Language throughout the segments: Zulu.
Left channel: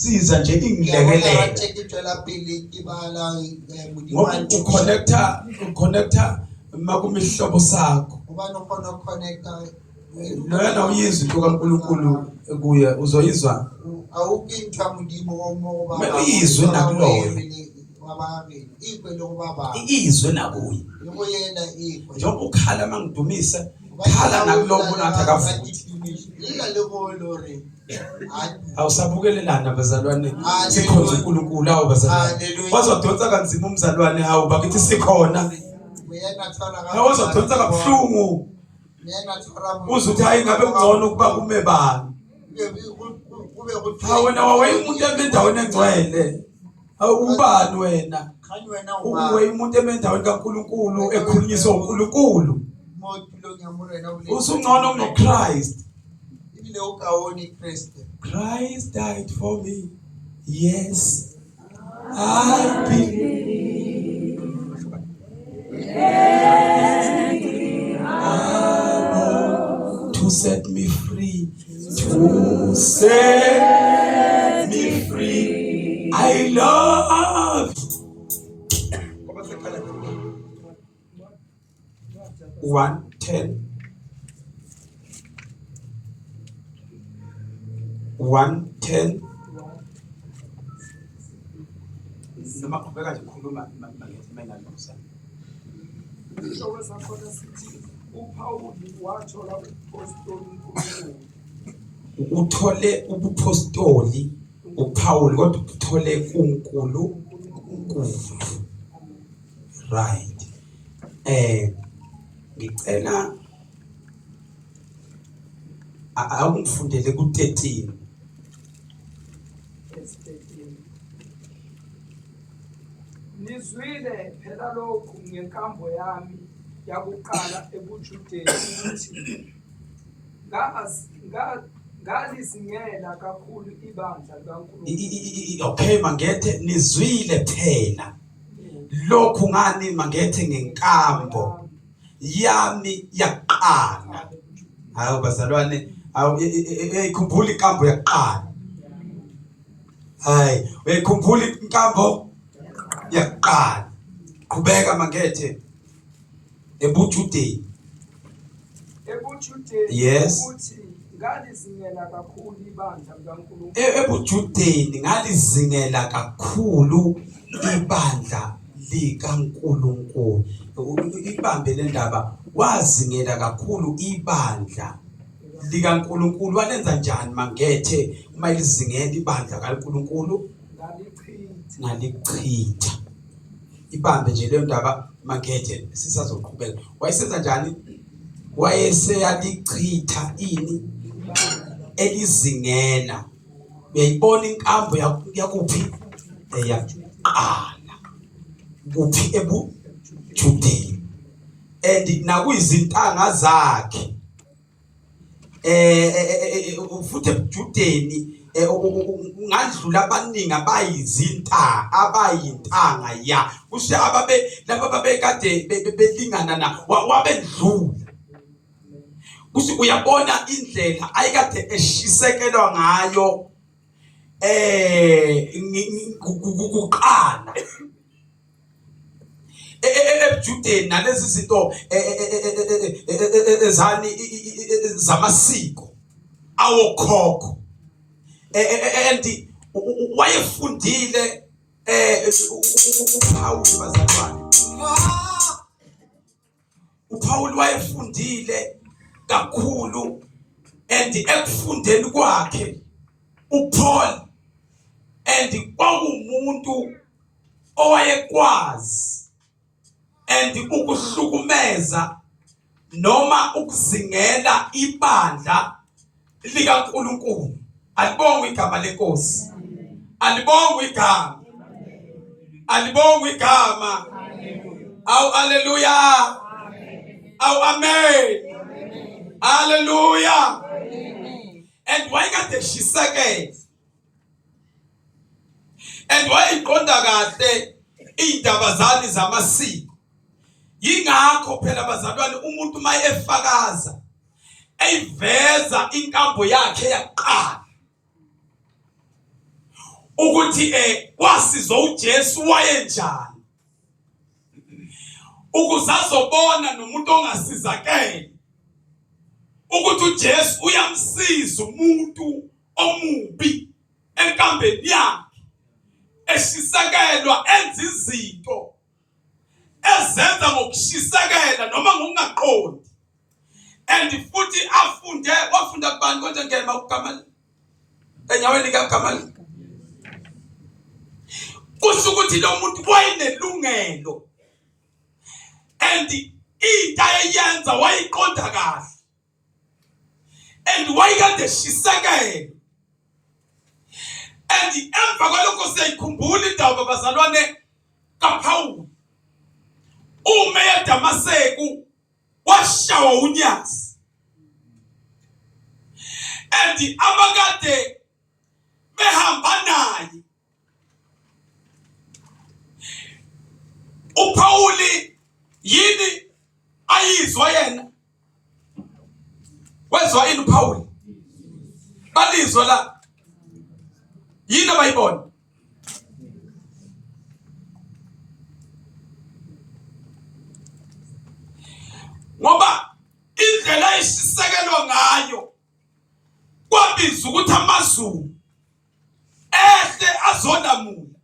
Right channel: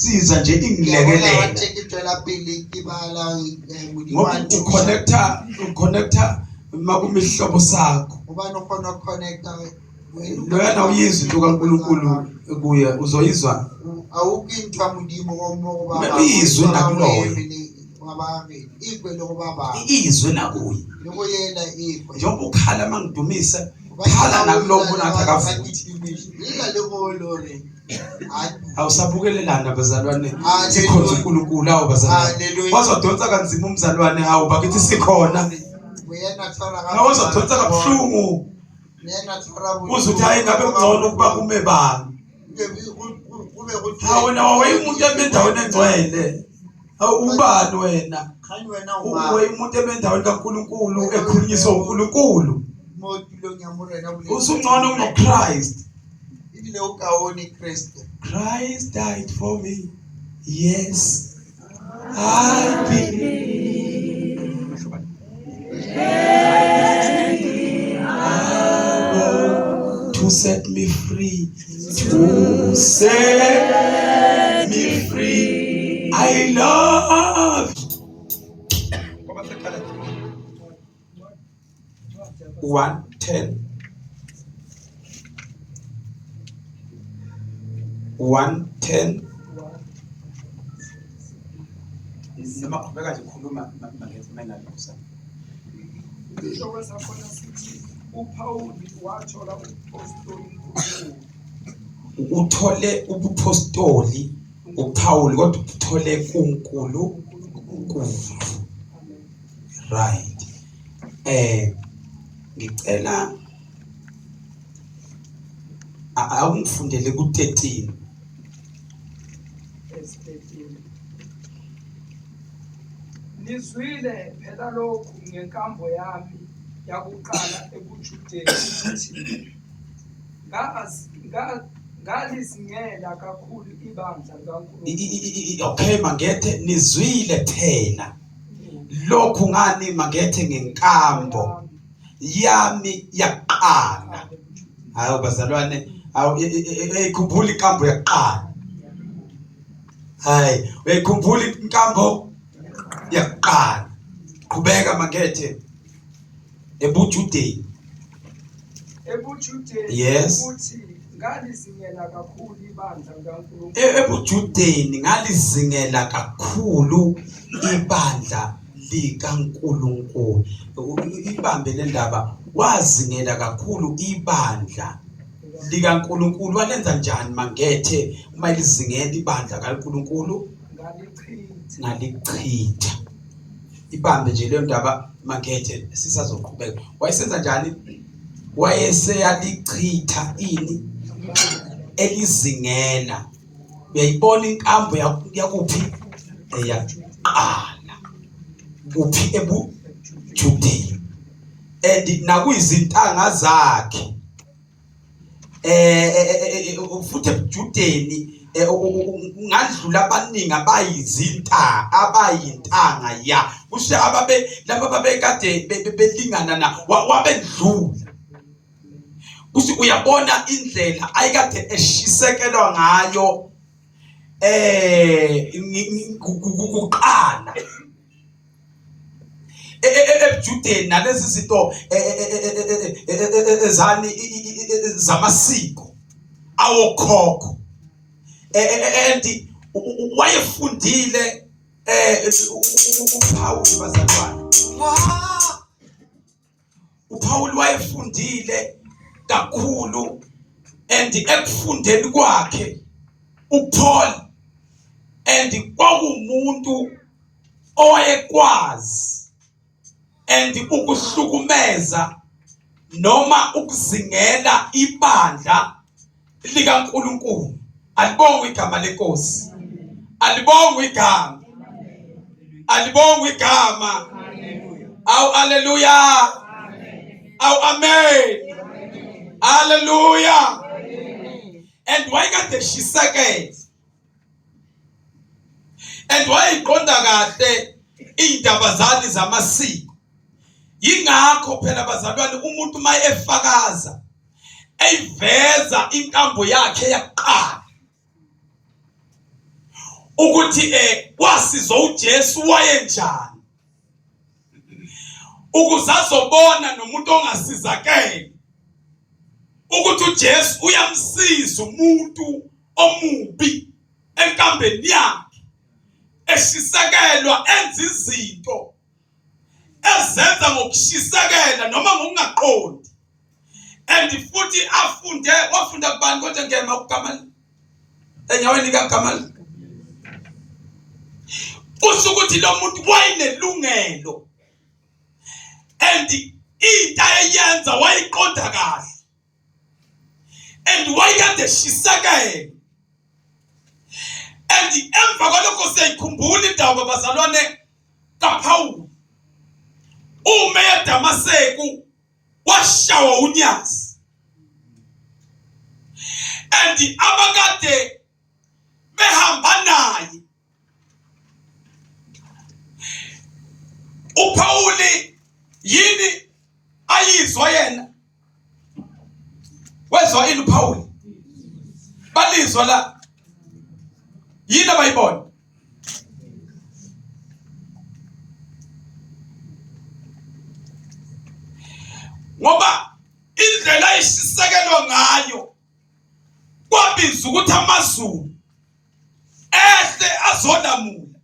siza nje ingilekelele ngoba uconnecta makumihlobo sakho loyana uyizwa into kaNkulunkulu kuye uzoyizwa awukinthwa mudimo ngoba uyizwe nakuloyo ikwe lokubaba izwe nakuye loyena ikwe njengoba ukhala mangidumisa khala nakulobo nathi akafuthi ila lokolo awusabukelelana bazalwane sikhonza uNkulunkulu awu bazalwane wazodonsa kanzima umzalwane hawu bakithi sikhona awuzodonsa kabuhlungu uzuthi hayi ngabe ngcono ukuba kume bani wena wayemuntu endaweni engcwele ubani wena umuntu endaweni kaNkulunkulu ekhulunyiswa uNkulunkulu usungcono kunoChrist. Christ died for me. Yes, I believe. To set me free. To set me free. I love. 1:10. 1:10. Noma qhubeka nje ukhuluma mangethi mina nokusana. Ishowe sakhona sithi uPauli wathola ubupostoli kuNkulunkulu. Uthole ubupostoli uPaul kodwa uthole kuNkulunkulu. Right. Ngicela awungifundele ku13. Nizwile phela lokhu ngenkambo yami yakuqala ebuJudeni ukuthi ngalizingela kakhulu ibandla kaNkulunkulu. Okay mangethe nizwile phela lokhu ngani mangethe ngenkambo yami yaqala. Hayi bazalwane uyikhumbula inkambo yaqala. Hayi uyikhumbula inkambo yaqala. Qhubeka mangethe ebuJudeni. Yes. Ukuthi ngalizingela kakhulu ibandla kaNkulunkulu. ebuJudeni ngalizingela kakhulu ibandla likaNkulunkulu. Ibambe le ndaba wazingela kakhulu ibandla likaNkulunkulu. Walenza njani mangethe uma lizingela ibandla kaNkulunkulu? Ngalichitha. Ibambe nje le ndaba mangethe sisazoqhubeka. Wayesenza njani? Wayeseyalichitha ini elizingela. Uyayibona inkambo yakuphi eyaqala kuphi ebuJudeni and nakuyizintanga zakhe futhi ebuJudeni ungadlula abaningi abayintanga ya kusho laba babekade belingana na wabedlula. Kuthi uyabona indlela ayikade eshisekelwa ngayo kuqala ebuJudeni nalezi zinto ezani zamasiko awokhokho and wayefundile uPaul bazalwane. uPaul wayefundile kakhulu and ekufundeni kwakhe uPaul and kwakumuntu owayekwazi and ukuhlukumeza noma ukuzingela ibandla likaNkulunkulu. Alibonga igama lenkosi. Alibonga igama. Alibonga igama. Awu haleluya. Awu amen. Hallelujah. And why got the shiseke? And why iqonda kahle indaba zani zamasiko? Yingakho phela bazalwane umuntu maye efakaza eyiveza inkambo yakhe yaqala. ukuthi wasizwa uJesu wayenjani, ukuze azobona nomuntu ongasizakele ukuthi uJesu uyamsiza umuntu omubi enkambeni yakhe, eshisekelwa enza izinto ezenza ngokushisekela noma ngokungaqondi. And futhi wafunda kubani konje ngema uGamali enyaweni kaGamali, kusho ukuthi lo muntu wayenelungelo and into ayenza wayiqonda kahle and wayekade shisekela. And emva kwalokho siyayikhumbula indaba bazalwane kaPawulu uma eDamaseko washawa unyazi, and abakade behamba naye uPawuli yini ayizwa yena, wezwa ini uPawuli, balizwa la yini abayibona. Ngoba indlela eshisekelwa ngayo kwabiza ukuthi amazulu ehle azodamula,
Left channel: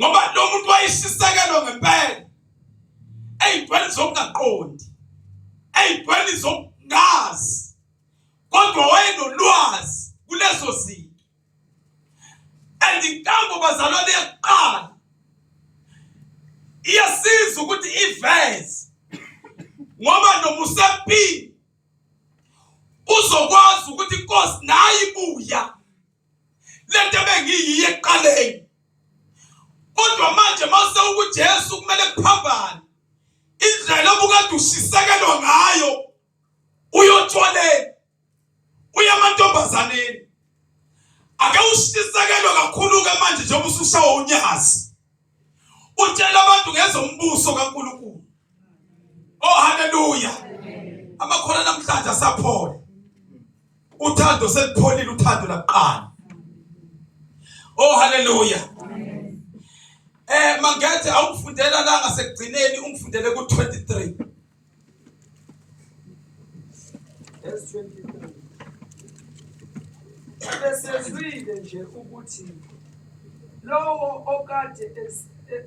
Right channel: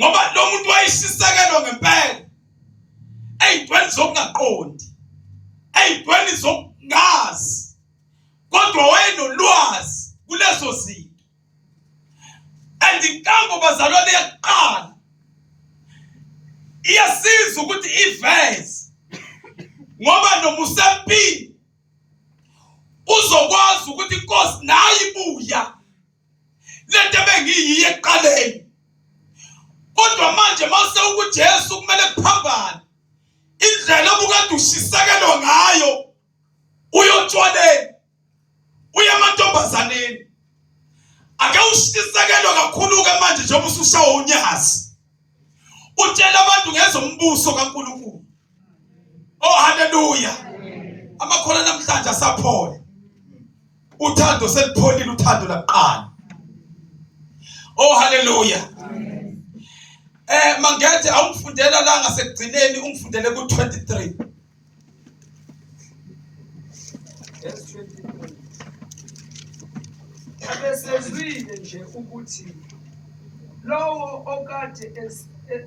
ngoba lo muntu wayeshisekelwa ngempela ey'ntweni zokungaqondi, ey'ntweni zokungazi, kodwa wayenolwazi kulezo zinto. And inkambo bazalwane yokuqala iyasiza ukuthi iveze, ngoba noma usempini uzokwazi ukuthi inkosi nayo ibuya lento ebengiyiyo ekuqaleni, kodwa manje mase uJesu kumele kuphambane indlela obukade ushisekelwa ngayo, uyotshoneni, uya amantombazaneni. Ake ushisekelwe kakhulu ke manje njengoba usushawa unyazi, utshela abantu ngezombuso kaNkulunkulu. Oh haleluya, amakhola namhlanje asaphole, uthando selipholile, uthando laqala. Oh haleluya. Mangethe awungifundela la ngasekugcineni, ungifundele ku23 verse 23. Abesezwile nje ukuthi lowo okade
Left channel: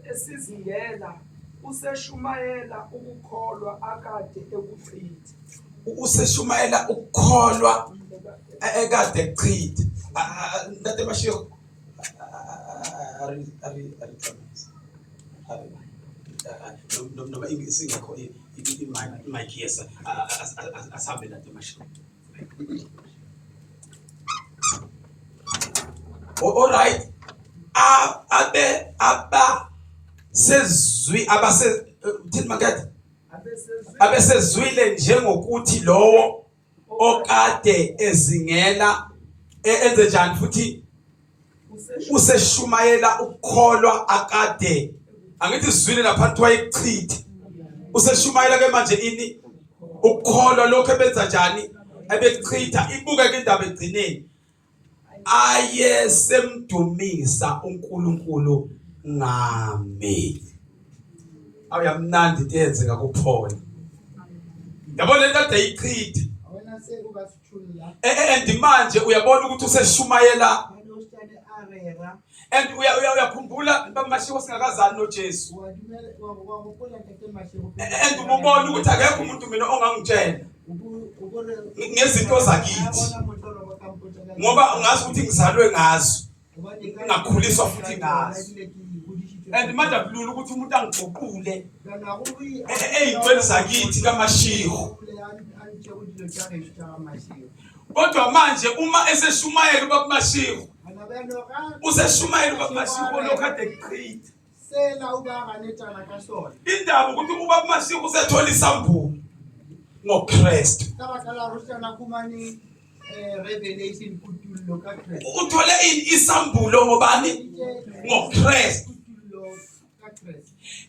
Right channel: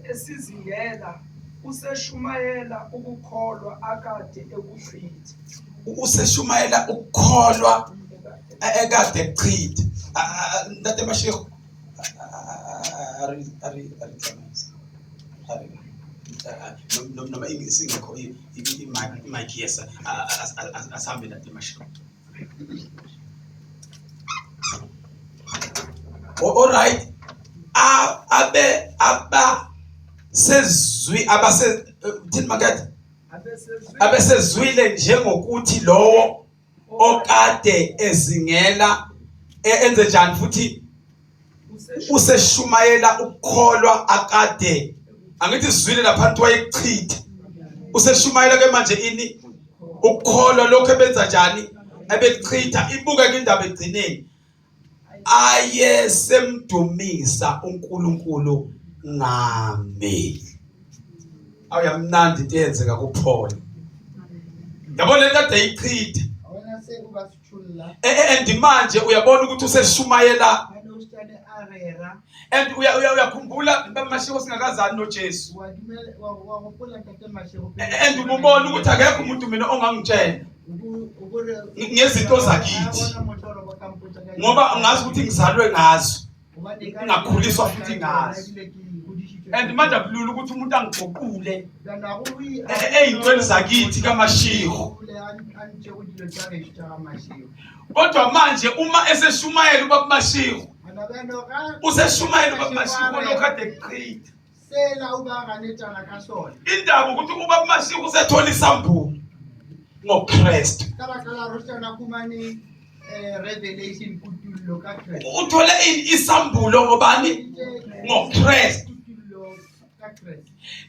esizingela useshumayela ukukholwa akade ekuchitha. Useshumayela ukukholwa ekade ekuchitha. Ndate bashiro noma singekho imic yesa asambe ndate bashiro. All right, abesezwile njengokuthi lowo okade ezingela enze njani futhi useshumayela ukukholwa akade, angithi sizwile lapha kuthiwa ichitha, useshumayela ke manje ini ukukholwa lokho ebenza njani, ebechitha. Ibuke ke indaba egcineni, ayesemdumisa uNkulunkulu ngameli. Awuyamnandi into eyenzeka kuPaul, yabona lento ade ichitha, awona sekuba sithula and manje uyabona ukuthi useshumayela. And uyakhumbula bamashiko singakazani noJesu, and ubona ukuthi akekho umuntu mina ongangitshela ngezinto zakithi, ngoba ngazi ukuthi ngizalwe ngazo, ngakhuliswa futhi ngazo. And manje akulula ukuthi umuntu angigoqule ey'ntweni zakithi kaMashiko. Kodwa manje uma eseshumayela ubaMashiko, useshumayela ubaMashiko lokade ekuchitha. sela ubanganetana kasona Indaba ukuthi ubaMashiko usethola isambulo ngoKristu. kala rostana kumani revelation kutulo ka Christ, Uthole isambulo ngobani? NgoKristu.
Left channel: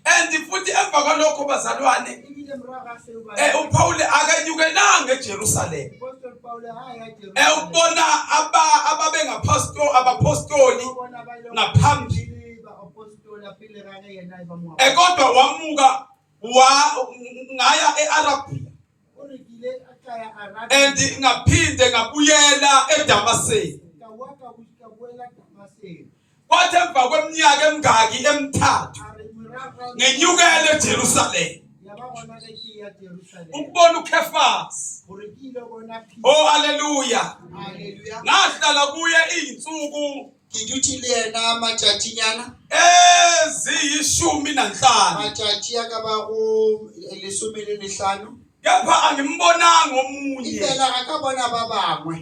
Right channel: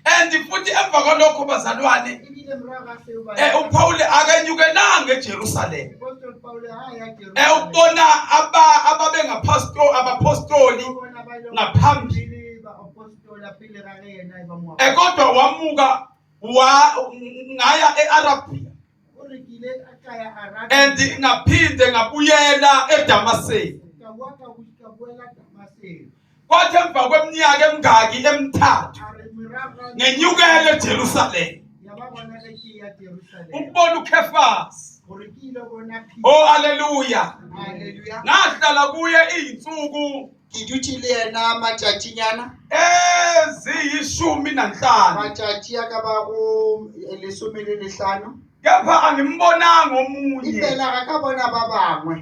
And futhi emva kwalokho bazalwane, uPaul akanyukelanga eJerusalem. ubona abapostoli ngaphambili kodwa wamuka ngaya eArabia and ngaphinde ngabuyela eDamascus. Kwathi emva kweminyaka emingaki emithathu ngenyukele eJerusalem ukubona uKefas. Oh hallelujah. Ngahlala kuye izinsuku kiduthile yena matshatshinyana eziyishumi nanhlanu matshatshi akaba ku 15 kepha angimbonanga omunye impela akabona babangwe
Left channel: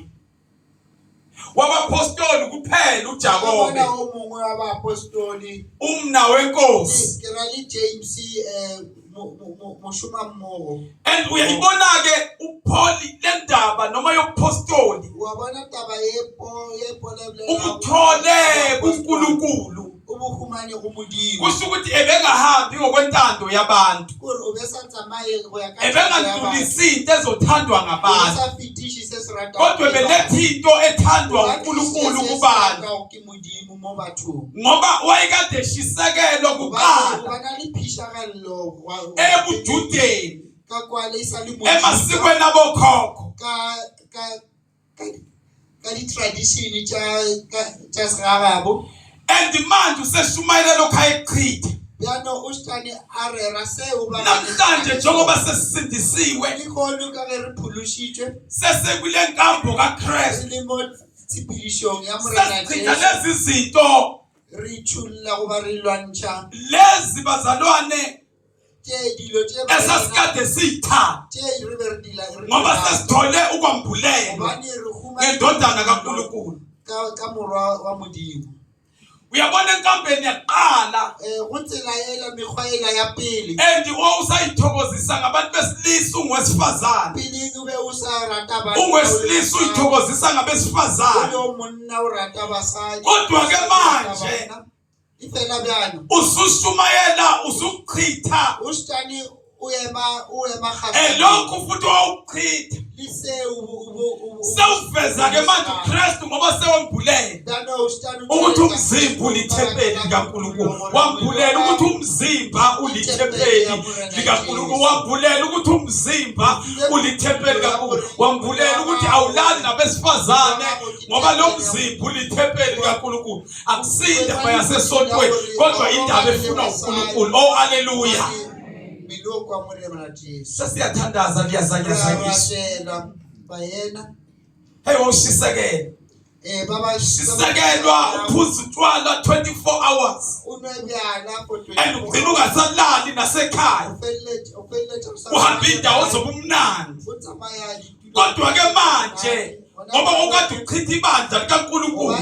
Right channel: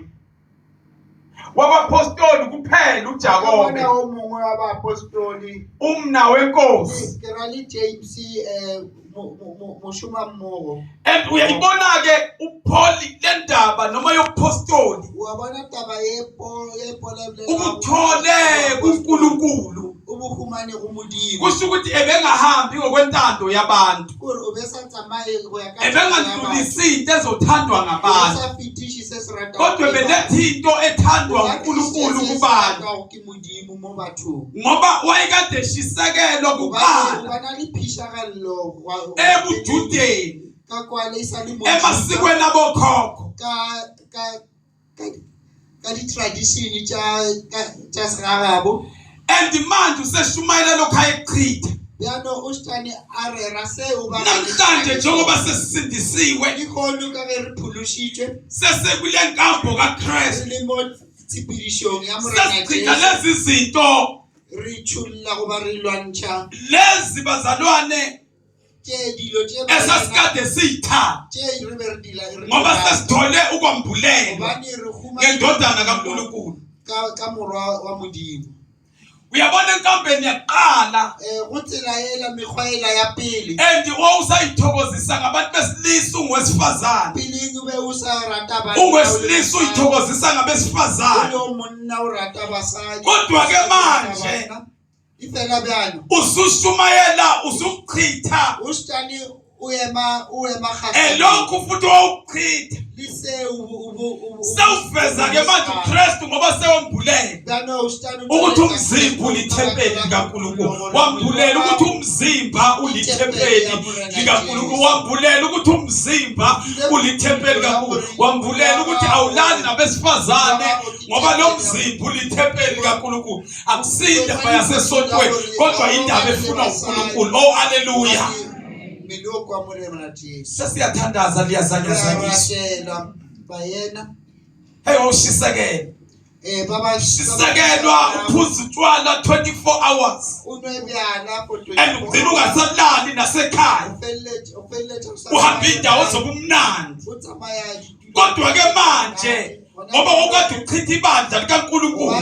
wabapostoli kuphela uJakobe wabona omunye wabapostoli umna wenkosi Gerald James Mushuma Mmogo and uyayibona ke uPaul lendaba noma yopostoli wabona taba yePaul ukuthole kuNkulunkulu ubuhumane kumudimo kusho ukuthi ebengahambi ngokwentando yabantu ubesatamaye ebengandlulisi into ezothandwa ngabantu kodwa benethinto ethandwa uNkulunkulu kubantu ngoba wayekade eshisekelwa kuqala ebujudeni emasikweni abokhokho ka di-tradition tša segagabo and manje useshumayela lokho ayeqhitha yano ustani arera seo ba namhlanje njengoba sesisindisiwe ikhona ka ge re phulushitwe sesekule nkambo kaKristu limo tsipidishong ya morena Jesu lezi zinto re chulla go ba re lwantsha lezi bazalwane tje dilo tje esasikade siyithanda tje re be re dila ngoba sesithole ukwambulela bani re khuma ngendodana kaNkulunkulu ka morwa wa modimo uyabona enkambeni yaqala go tselayela mekgwaela ya pele and usayithokozisa ngabantu besilisa ungwesifazane pele ube usarata ba ungwesilisa uyithokozisa ngabesifazane lo monna o rata basadi kodwa ke manje ifela byano usushumayela usuchitha ustani uyema khasa lokhu futhi wawuchitha lise sewuveza ke manje uKristu ngoba sewambulela ukuthi umzimba ulithempeli likaNkulunkulu wambulela ukuthi umzimba ulithempeli likaNkulunkulu wambulela ukuthi umzimba ulithempeli likaNkulunkulu wambulela ukuthi awulali nabesifazane ngoba lo mzimba ulithempeli likaNkulunkulu akusindaba yasesontweni kodwa indaba efuna uNkulunkulu. Oh hallelujah. Miloko amorema na Jesu sesiyathandaza liyazanyazanyiswa bayena hey ushisekela baba shisekelwa uphuza utshwala 24 hours unobyala for 24 and ugcina ungasalali nasekhaya uhamba indawo zobumnandi kodwa ke manje ngoba ukade uchitha ibandla likaNkulunkulu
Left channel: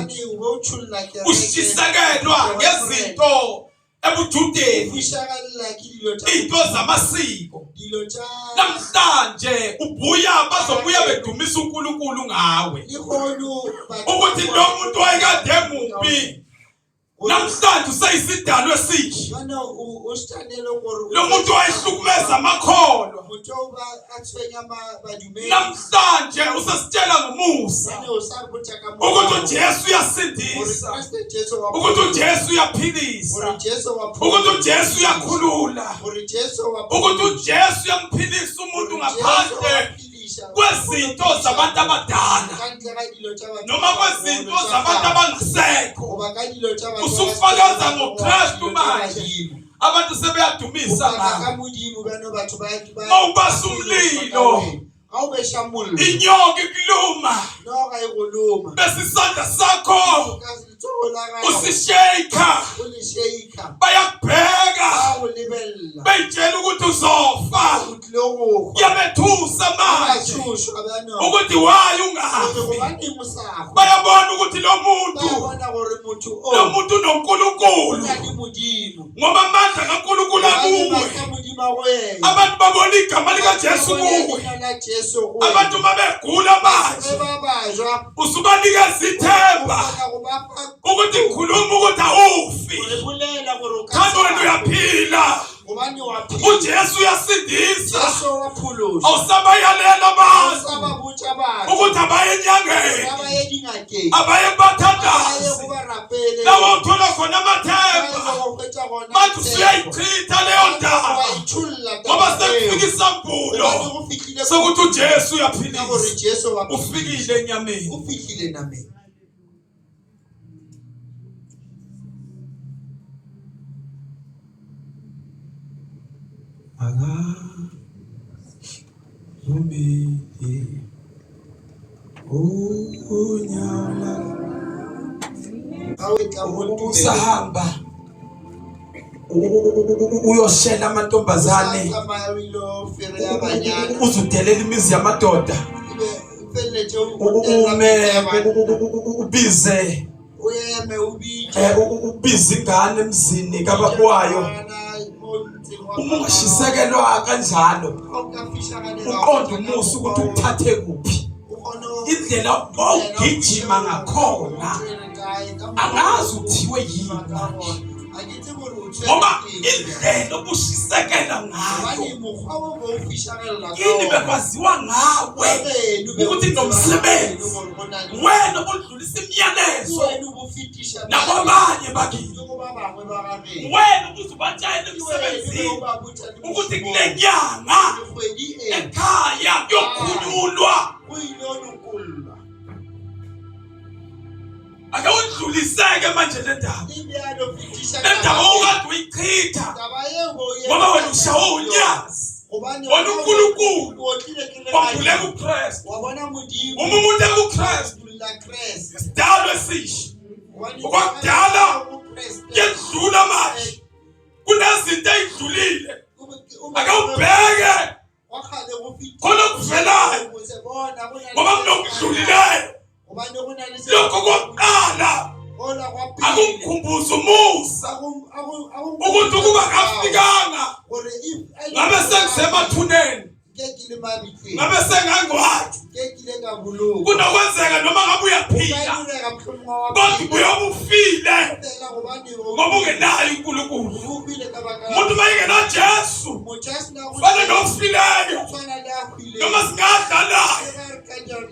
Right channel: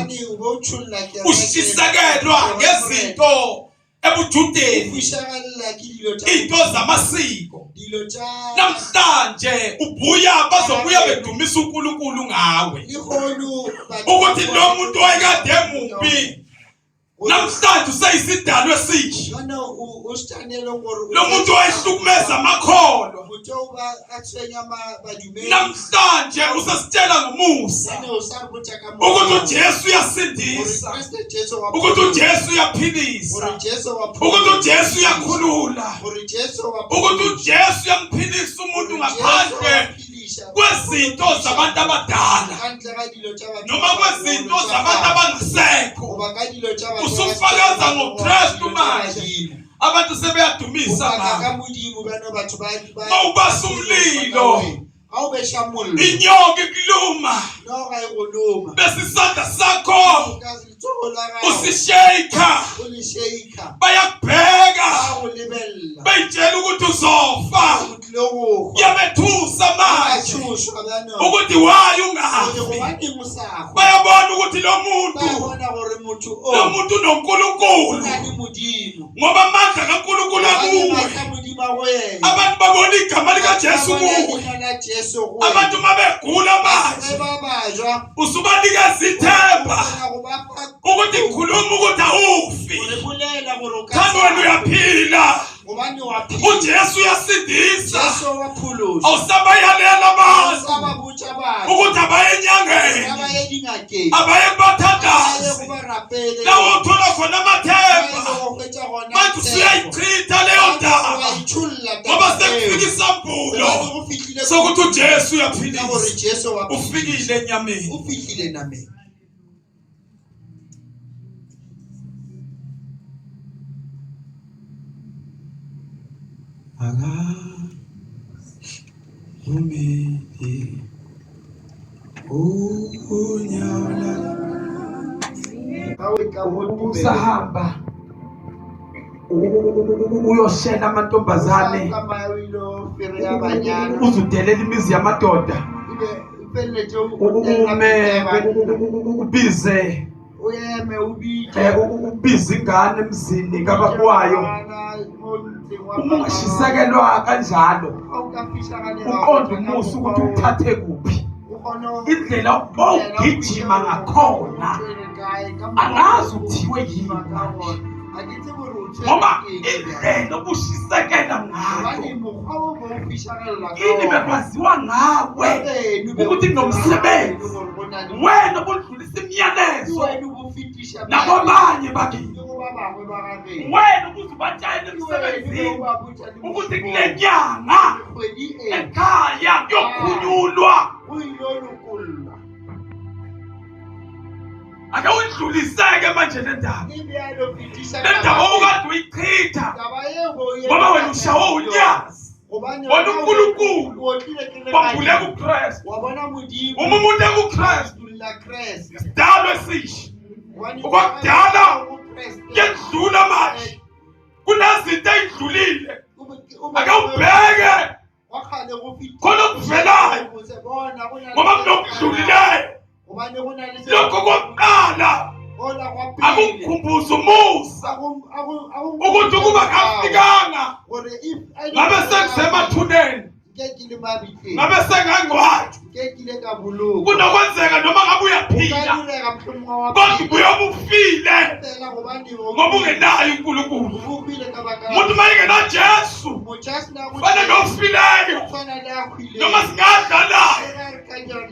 ushisekelwa ngezinto ebujudeni into zamasiko namhlanje ubuya bazobuya bedumisa uNkulunkulu ngawe ukuthi lo muntu wayekade emumbi namhlanje useyisidalwe esisha lo muntu wayehlukumeza amakholo namhlanje usasitshela ngomusa ukuthi uJesu uyasindisa ukuthi uJesu uyaphilisa ukuthi uJesu uyakhulula ukuthi uJesu uyamphilisa umuntu ngaphandle kwezinto zabantu abadala noma kwezinto zabantu abangasekho usufakaza ngoKristu manje abantu sebeyadumisa ngawo mawubasa umlilo inyoka ikuluma besisandla sakho usisheka bayakubheka bayitshela ukuthi uzofa yabethusa manje ukuthi waye ungafi bayabona ukuthi lo muntu unoNkulunkulu ngoba amandla kaNkulunkulu akuwe abantu babona igama likaJesu kuwe abantu mabegula manje usubanikeza ithemba ukuthi ngikhuluma ukuthi awufi kanti wena uyaphila uJesu uyasindisa awusabayalela abantu ukuthi abaye enyangeni abaye kubathandazi lawo uthola khona amathemba manje usuyayichitha leyo ndaba ngoba sekufika isambulo sokuthi uJesu uyaphilisa ufikile enyameni. Umidi unyala usahamba uyoshela amantombazane uzudelela imizi yamadoda ubize ubize ingane emzini kababwayo ungashisekelwa kanjalo uqonda umusa ukuthi uthathe kuphi indlela ugijima ngakhona angazi uthiwe yini ngoba indlela obushisekela ngayo ini bekwaziwa ngawe ukuthi nomsebenzi wena obudlulisa imiyalezo nakwabanye bakini wena ubuzubatshayela emsebenzini ukuthi kule nyanga ekhaya kuyokhululwa ake udluliseke manje le ndaba okade uyichitha ngoba wena ushawe unyazi wena uNkulunkulu wambuleka uKristu umuntu ekuKristu isidalwa esisha okwakudala yedlula manje kunezinto ezidlulile ake ubheke khona kuvelayo ngoba kunokudlulileyo lokho kokuqala akumkhumbuza umusa ukuthi ukuba kafikanga ngabe sekusemathuneni ngabe sengangwathi kunokwenzeka noma ngabe uyaphila kodwa ubuyobe ufile ngoba ungenayo uNkulunkulu. Umuntu mayengena Jesu fana nofileyo noma singadla naye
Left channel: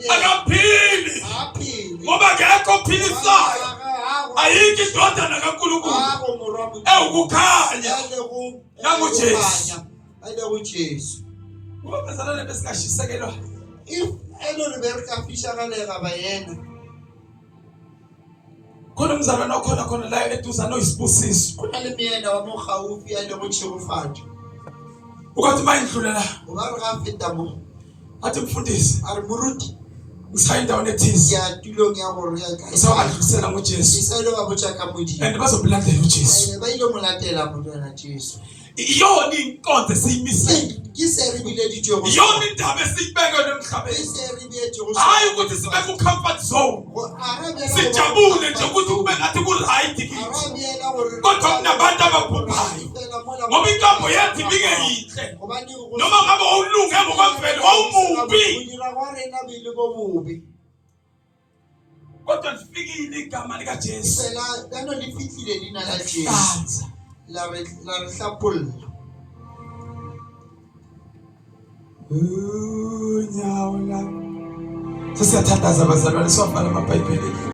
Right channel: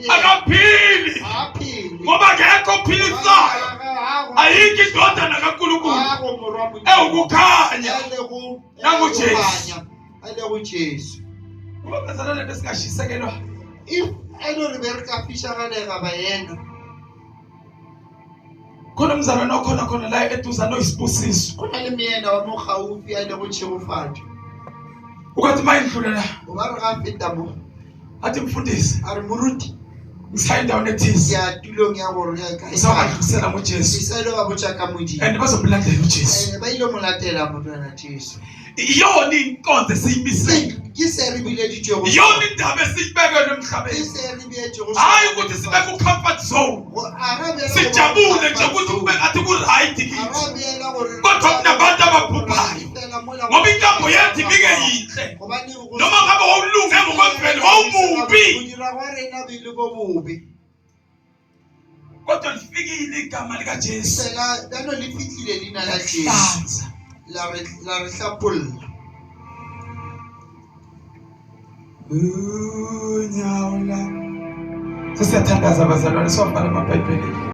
akaphili ngoba ngekho philisayo ayikho indodana kaNkulunkulu ewukukhanya nanguJesu. Ngoba bazalwane besikashisekelwa if Rebecca Fisher bayena khona umzalwane okhona la eduza noyisibusiso kunalemiyena wamogaufi alekuchirufati ukathi mayindlulela ubarafitamo athi mfundisi ari muruti ngisayinda onethisi ya tulo ngiyabona usawabadlulisela ngoJesu iselo babuchaka mudi and bazobulandela uJesu bayilo mulatela mntwana Jesu iyona inkonzo esiyimisele kiseribile dijo iyona indaba esibekwe emhlabeni kiseribile dijo hayi ukuthi sibeke ucomfort zone sijabule nje ukuthi kube ngathi ku right kithi kodwa kunabantu ababhubhayo ngoba inkambo yathi bike yihle noma ngabe wawulunge ngokwemvelo wawumubi kodwa lifikile igama lika Jesu lano lifikile lina la Jesu la rehlapul unyawula sesiyathandaza abazalwane siwafana amaBhayibheli.